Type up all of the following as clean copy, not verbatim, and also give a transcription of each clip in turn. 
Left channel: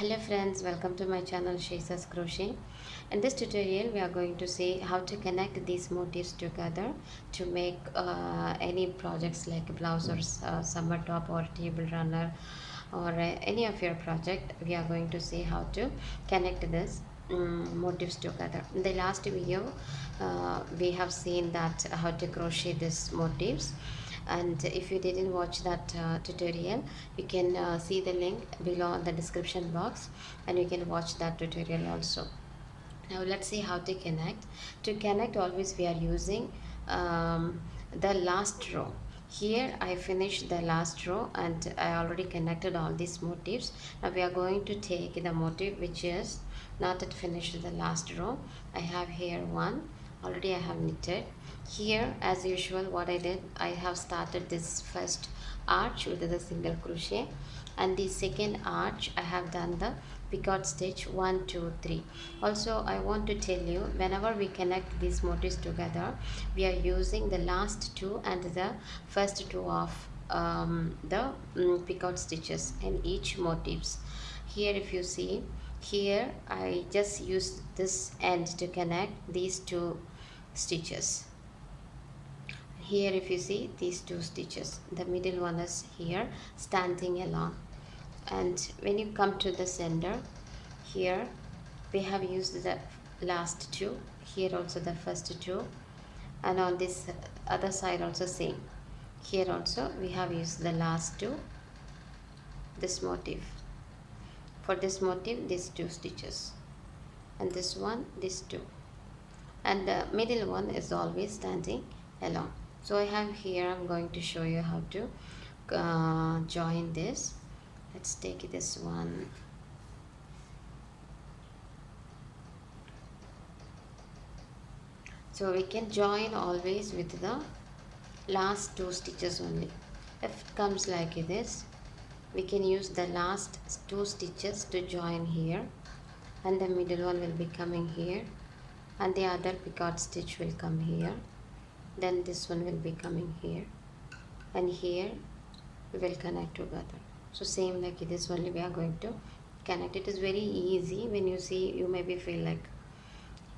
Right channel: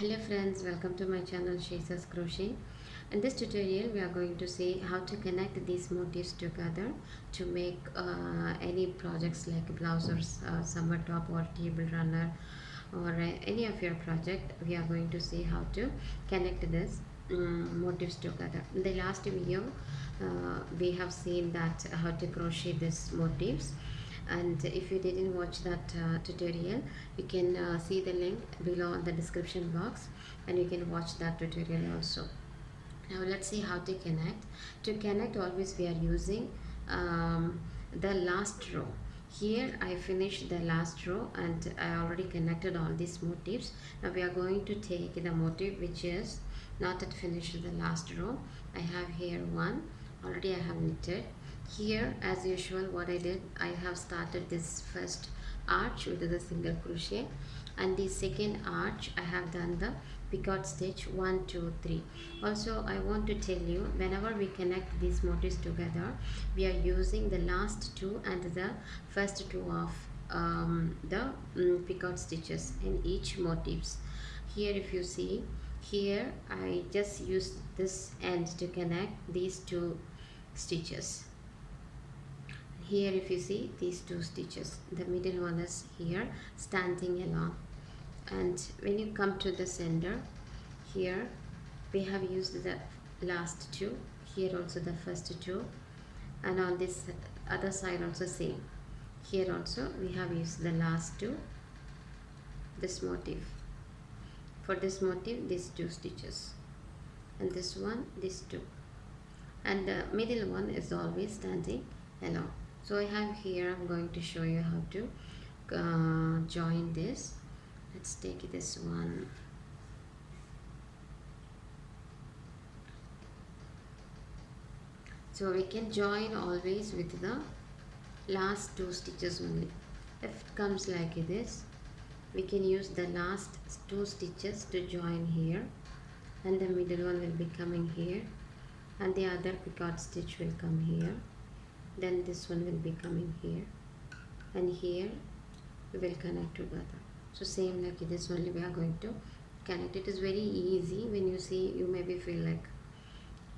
Hello friends, welcome to my channel Shaisa's Crochet. In this tutorial we are going to see how to connect these motifs together to make any projects like a blouse or summer top or table runner or any of your project. We are going to see how to connect this motifs together. In the last video we have seen that how to crochet these motifs, and if you didn't watch that tutorial, you can see the link below in the description box and you can watch that tutorial also. Now let's see how to connect. To connect, always we are using the last row. Here I finished the last row and I already connected all these motifs. Now we are going to take the motif which is not yet finished the last row. I have here one, already I have knitted. Here as usual what I did, I have started this first arch with the single crochet, and the second arch I have done the picot stitch 1 2 3. Also I want to tell you, whenever we connect these motifs together, we are using the last two and the first two of the picot stitches in each motifs. Here if you see, here I just used this end to connect these two stitches. Here if you see these two stitches, the middle one is here standing along, and when you come to the center, here we have used the last two, here also the first two, and on this other side also same. Here also we have used the last two, this motif. For this motif, these two stitches, and this one, these two, and the middle one is always standing along. So I have here, I'm going to show you how to join this. Let's take this one. So we can join always with the last two stitches only. If it comes like this, we can use the last two stitches to join here, and the middle one will be coming here, and the other picot stitch will come here, then this one will be coming here, and here we will connect together. So same like this only we are going to connect. It is very easy. When you see, you maybe feel like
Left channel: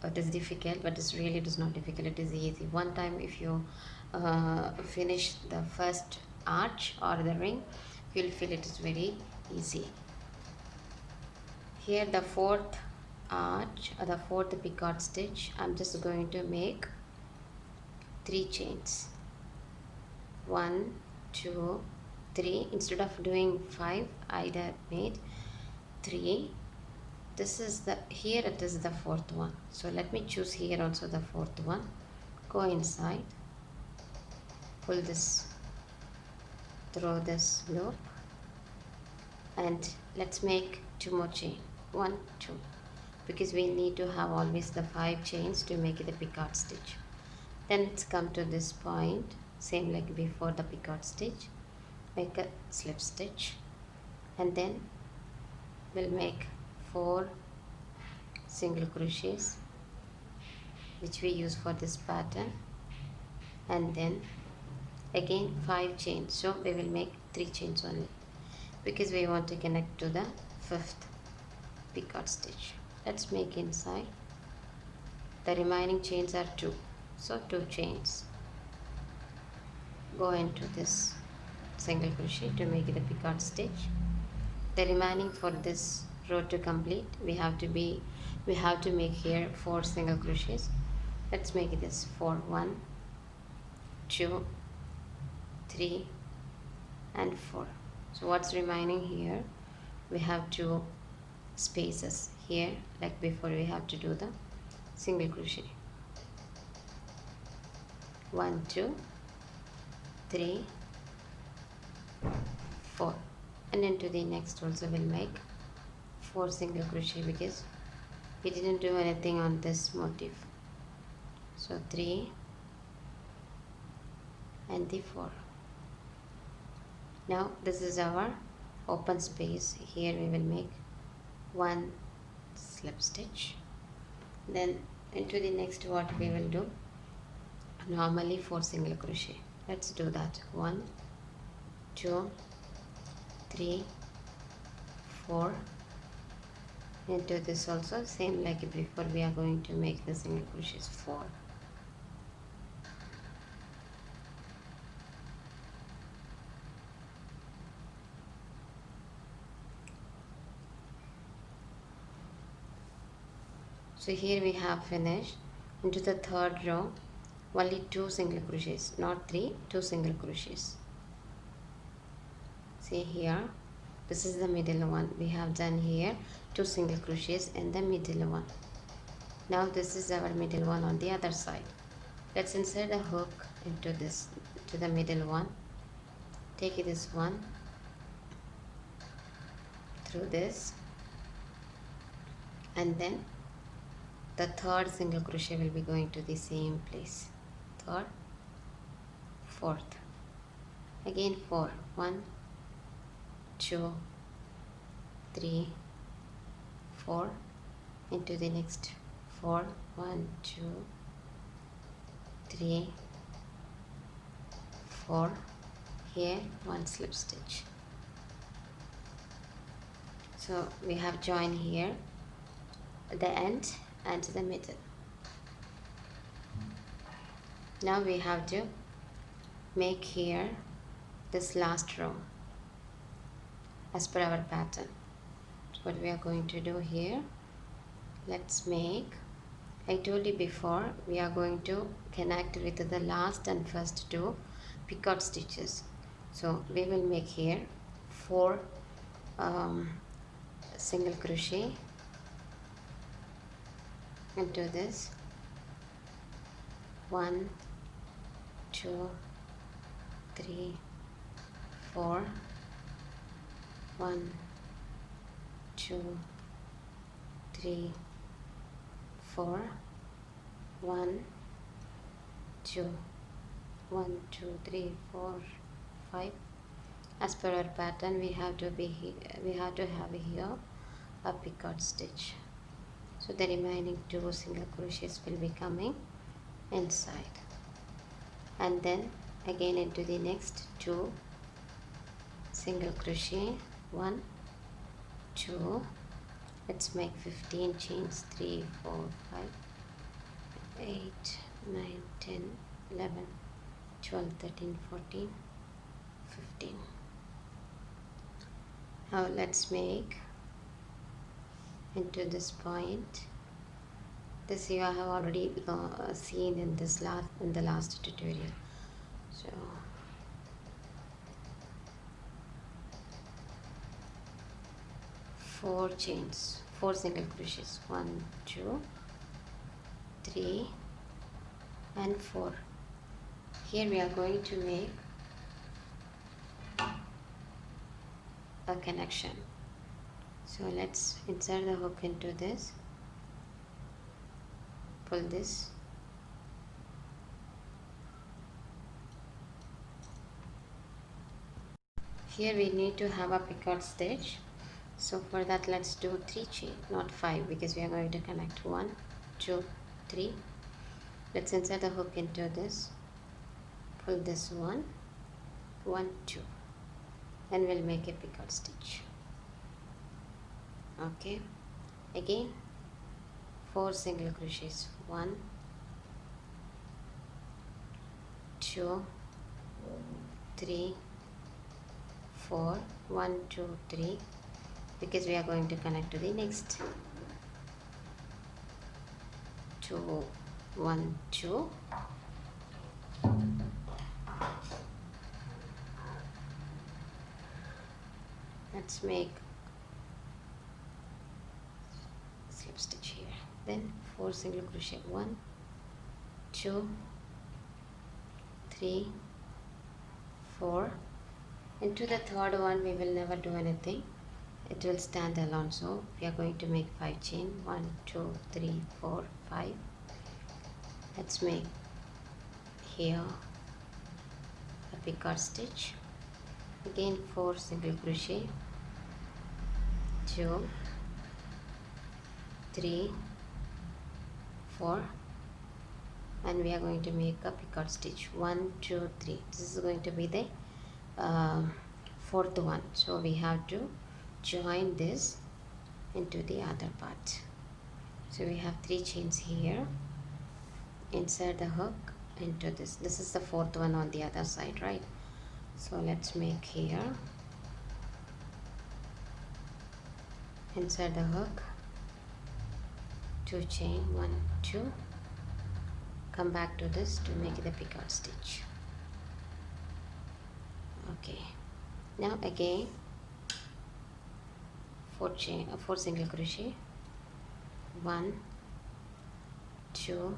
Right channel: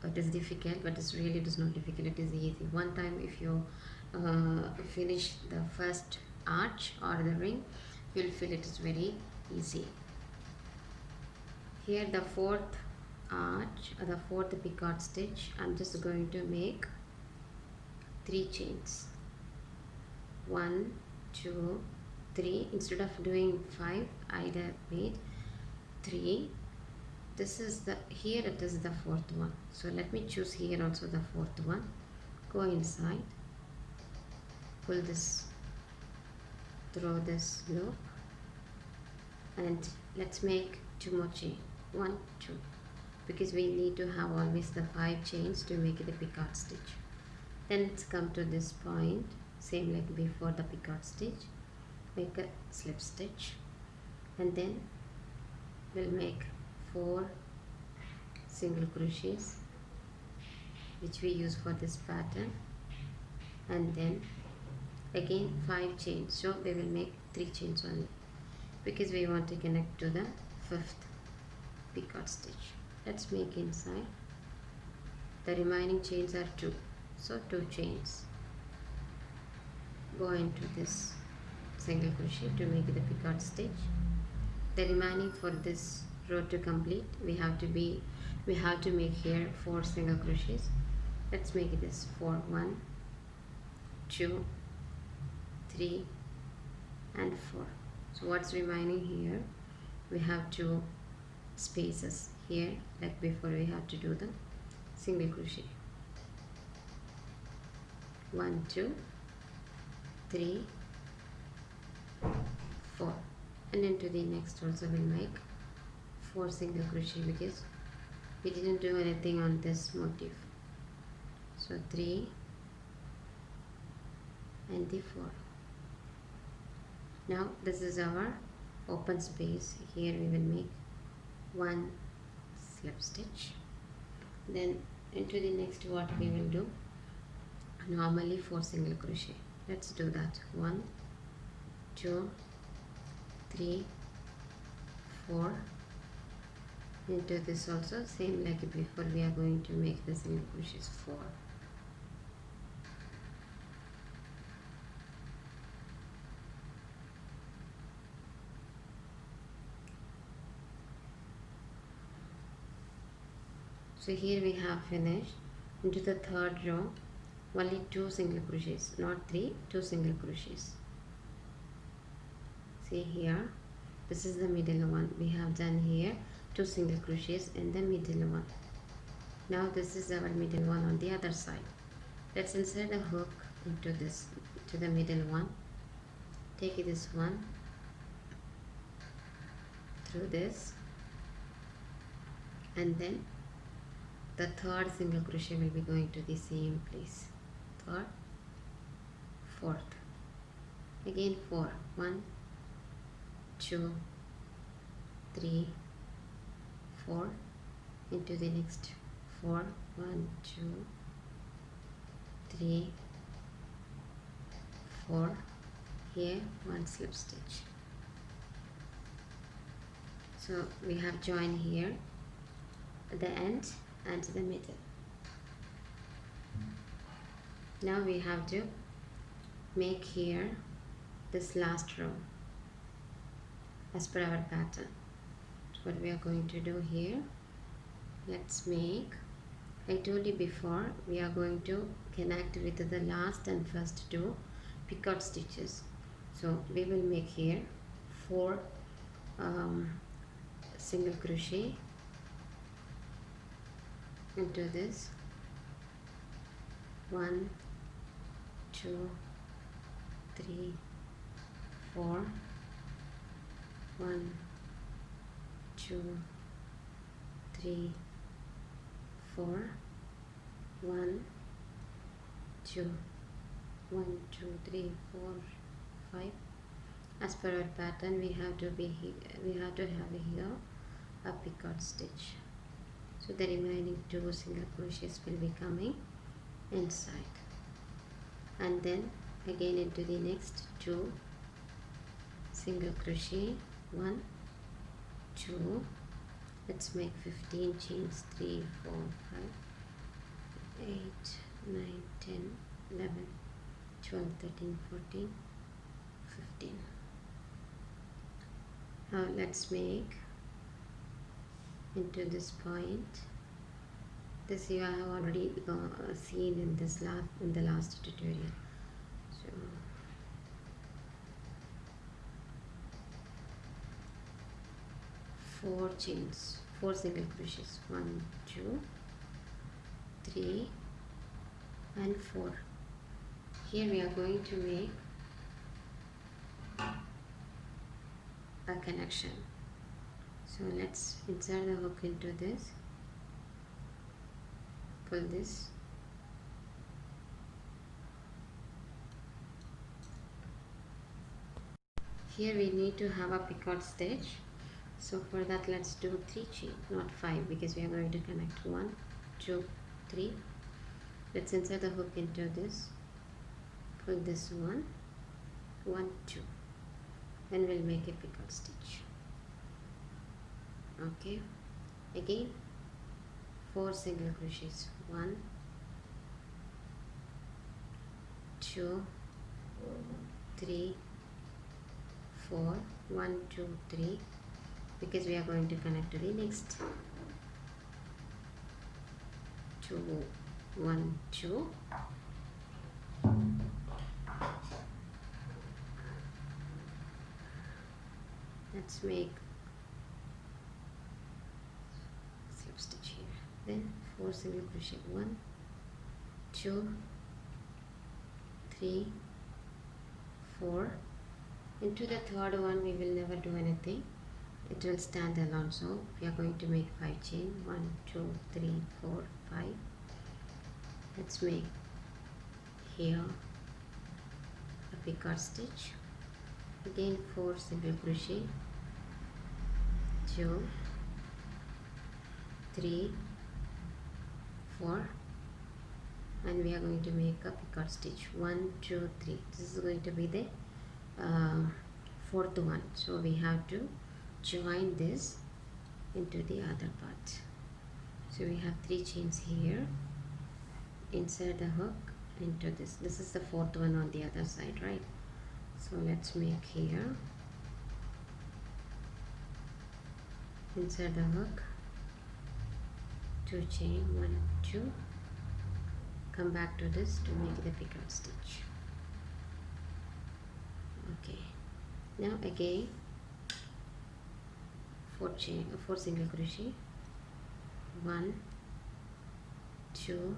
it is difficult, but it's really, it is not difficult, it is easy. One time if you finish the first arch or the ring, you'll feel it is very easy. Here the fourth arch or the fourth picot stitch, I'm just going to make 3 chains. 1 2 3. Instead of doing 5, I made 3. This is the, here it is the fourth one, so let me choose here also the fourth one. Go inside, pull this through this loop, and let's make 2 more chain. 1 2, because we need to have always the 5 chains to make the picot stitch. Then let's come to this point, same like before the picot stitch, make a slip stitch, and then we'll make 4 single crochets which we use for this pattern, and then again 5 chains. So we will make 3 chains only, because we want to connect to the 5th picot stitch. Let's make inside. The remaining chains are 2, so 2 chains. Go into this single crochet to make the picot stitch. The remaining, for this row to complete, we have to make here 4 single crochets. Let's make this 4. 1 2 3 and 4. So what's remaining here, we have 2 spaces here, like before we have to do the single crochet. 1 2 3 4, and into the next also we'll make 4 single crochet, because we didn't do anything on this motif. So 3 and the 4. Now this is our open space. Here we will make 1 slip stitch. Then into the next, what we will do, normally 4 single crochet. Let's do that. 1 2 3 4 Into this also same like before, we are going to make the single crochets 4. So here we have finished. Into the third row only 2 single crochets, not 3, 2 single crochets. See here, this is the middle one. We have done here 2 single crochets in the middle one. Now this is our middle one on the other side. Let's insert the hook into this, to the middle one. Take this one through this, and then the third single crochet will be going to the same place. Third, fourth, again 4, 1, 2, 3, 4, into the next 4, 1, 2, 3, 4, here 1 slip stitch. So we have joined here the end and the middle. Now we have to make here this last row as per our pattern. So what we are going to do here, let's make, I told you before, we are going to connect with the last and first 2 picot stitches. So we will make here 4 single crochet into this, 1, 2, 3, 4, 1, 2, 3, 4, 1, 2, 1, 2, 3, 4, 5. As per our pattern, we have to have here a picot stitch. So the remaining 2 single crochets will be coming inside, and then again into the next 2 single crochet, 1, 2, let's make 15 chains, 3, 4, 5, 8, 9, 10, 11, 12, 13, 14, 15. Now let's make into this point. This you have already seen in the last tutorial. So four chains, 4 single crochets, 1, 2, 3 and 4. Here we are going to make a connection. So let's insert the hook into this, pull this, here we need to have a picot stitch. So for that let's do 3 chain, not 5, because we are going to connect 1, 2, 3. Let's insert the hook into this, pull this 1, 1, 2, and we'll make a picot stitch. Okay, again 4 single crochets, 1, 2, 3, 4, 1, 2, 3, because we are going to connect to the next 2, 1, 2, let's make slip stitch here, then 4 single crochet, 1, 2, 3, 4. Into the third one we will never do anything, it will stand alone. So we are going to make 5 chain, 1, 2, 3, 4, 5. Let's make here a picot stitch, again 4 single crochet, 2, 3, 4, and we are going to make a picot stitch, 1, 2, 3. This is going to be the 4th one. So we have to join this into the other part. So we have 3 chains here, insert the hook into this is the 4th one on the other side, right? So let's make here, insert the hook, 2 chain, 1 2, come back to this to make the picot stitch. Okay, now again 4 single crochet, 1 2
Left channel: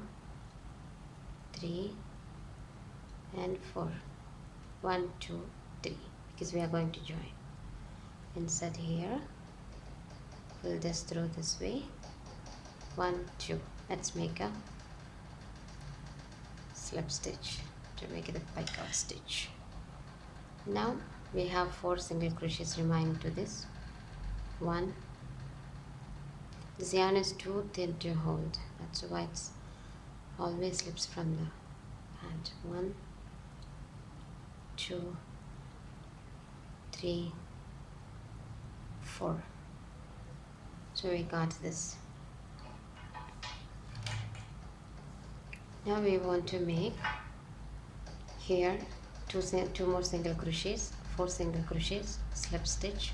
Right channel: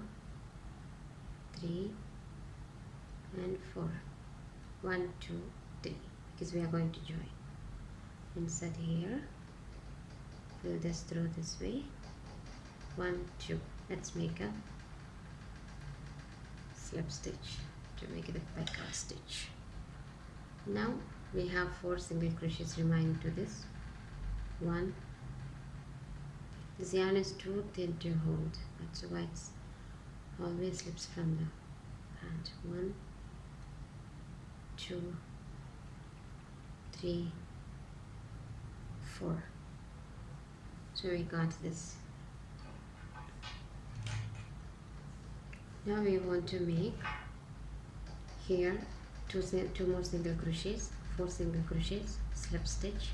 3 and 4, 1 2 3, because we are going to join. Insert here, pull this through this way, 1 2, let's make a slip stitch to make it a picot stitch. Now we have 4 single crochets remaining to this. 1, this yarn is too thin to hold, that's why it's always slips from the hand. 1 2 3 4, so we got this. Now we want to make here two more single crochets, 4 single crochets, slip stitch,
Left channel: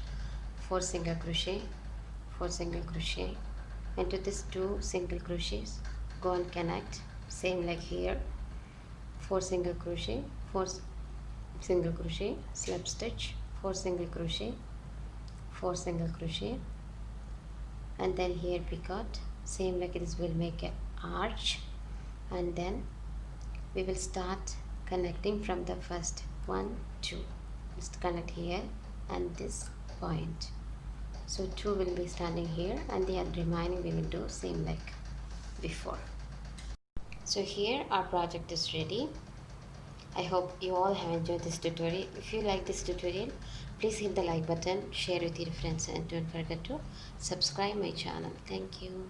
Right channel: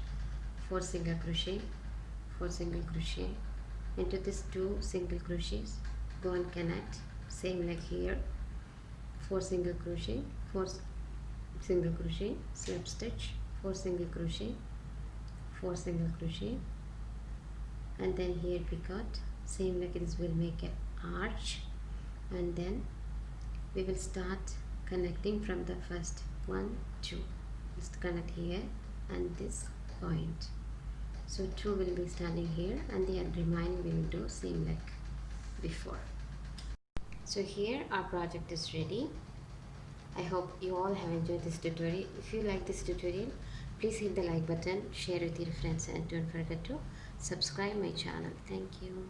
4 single crochet, 4 single crochet, into this 2 single crochets, go and connect, same like here, 4 single crochet, 4 single crochet, slip stitch, 4 single crochet, 4 single crochet, and then here picot, same like this, will make an arch, and then we will start connecting from the first 1 2, just connect here and this point. So 2 will be standing here, and the remaining we will do same like before. So here our project is ready. I hope you all have enjoyed this tutorial. If you like this tutorial, please hit the like button, share with your friends, and don't forget to subscribe my channel. Thank you.